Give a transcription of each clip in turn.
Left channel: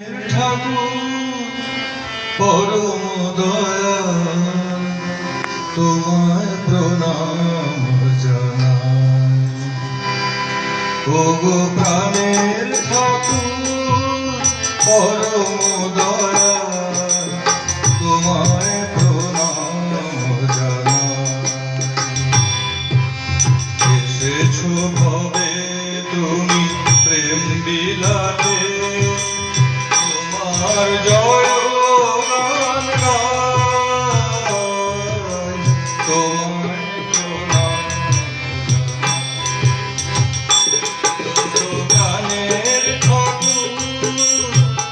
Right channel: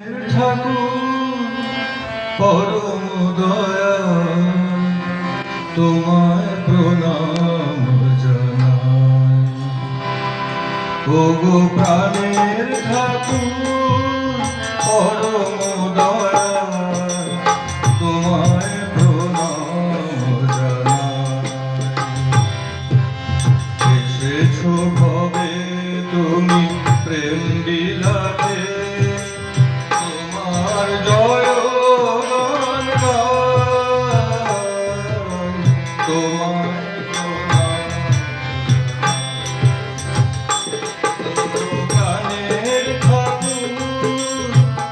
ঠাকুর পরম দয়া তোমায় প্রণাম জানাই। ওগো প্রাণের ঠাকুর পরম দয়া তোমায় প্রণাম জানাই। এসেছো ভবে তুমি প্রেম বিলাতে, তোমার জয় গান গাই, তোমায় প্রণাম। গানের ঠাকুর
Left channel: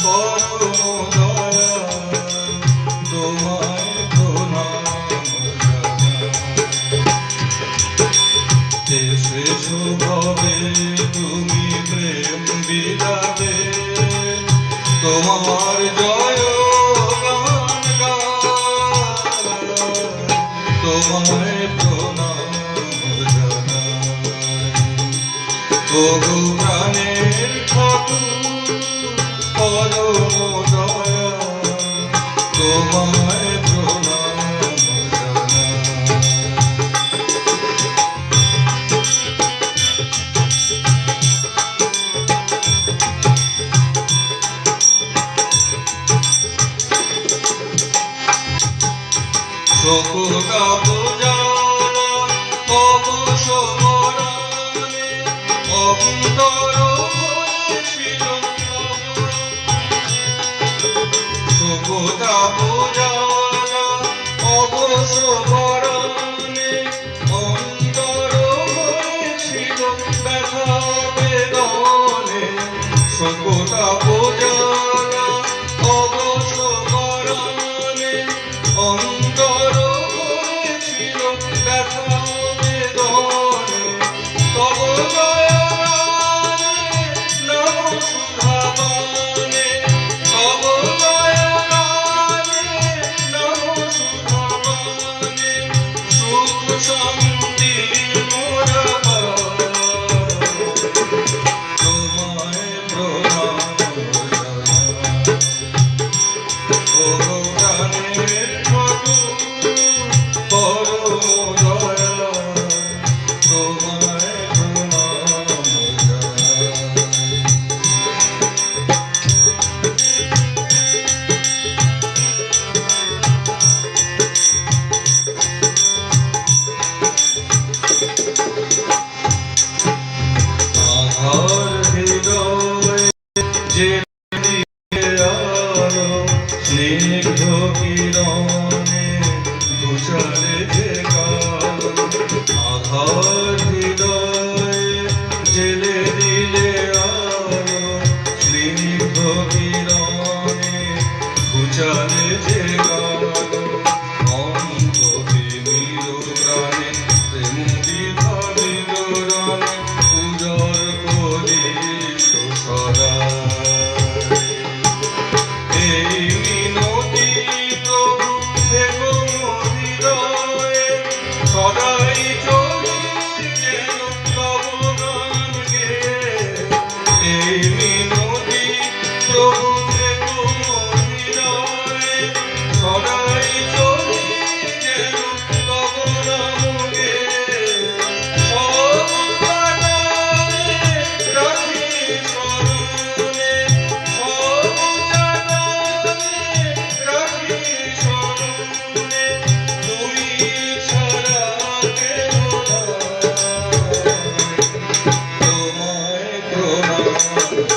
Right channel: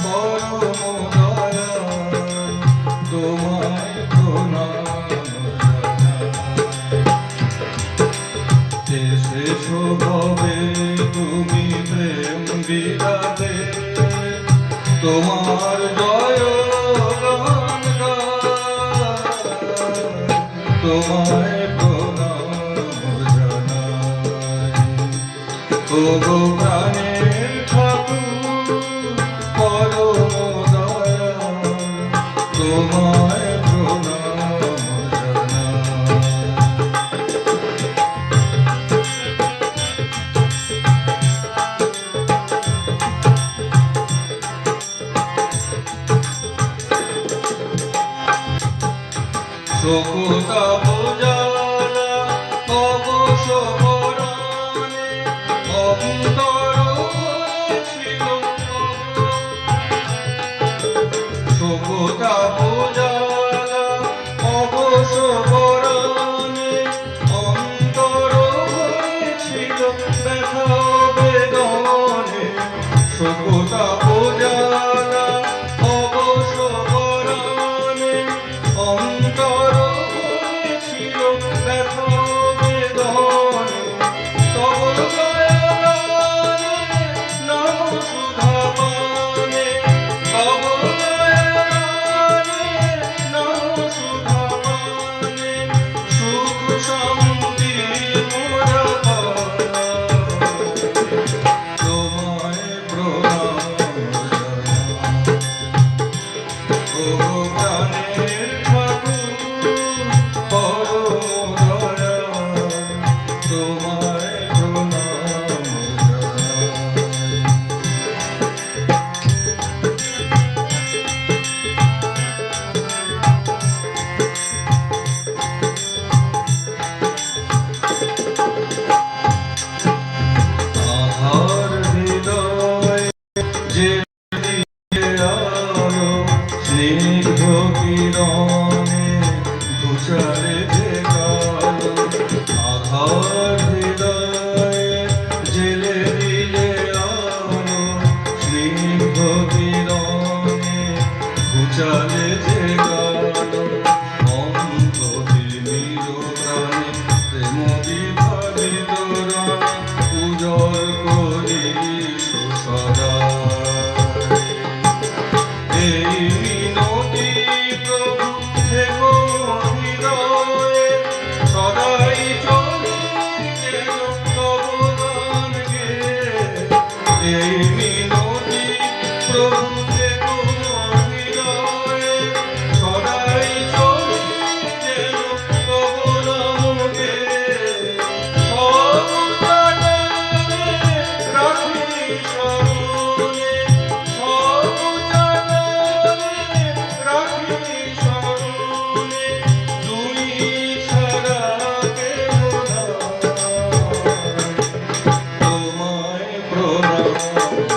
পরম দয়া তোমায় প্রণাম জানাই। এসেছো ভবে তুমি প্রেম বিলাতে, তোমার জয় গান গাই, তোমায় প্রণাম জানাই। ওগো প্রাণের ঠাকুর পরম দয়া তোমায় প্রণাম জানাই। শোকতা পূজালা অবসরণে অন্তর ছিল, শোকতা পূজালা অবসরণে অন্তর ছিল ব্যথা বেদনে। শোকতা পূজালা অবসরণে অন্তর ছিল ব্যথা বেদনে। তব জয় গানে নাম সুধা পানে, তব জয় গানে নাম সুধা পানে। সুখ শান্তি মোর পাই, তোমায় প্রণাম জানাই। ওগো প্রাণের ঠাকুর পরম দয়া তোমায় প্রণাম জানাই। আধার হৃদয় যে স্নিগ্ধ কিরণে ঘুচালে যে কালো, আধার হৃদয়ে জেলে দিলে আলো। স্নিগ্ধ কিরণে ঘুচালে যে কালো, অন্তহীন প্রাণে প্রেম বিধারিত গানে উজর করি সদা। এই মিনতি প্রভু থেকো হৃদয়ে, সদাই চলি যেন তব গান গেয়ে। এই মিনতি প্রভু থেকো হৃদয়ে, সদাই চলি যেন তব নাম গেয়ে। সব জাগানে রাখি স্মরণে, সব জাগানে রাখি স্মরণে। তুই ছাড়া কেহ নাই, তোমায় প্রণাম।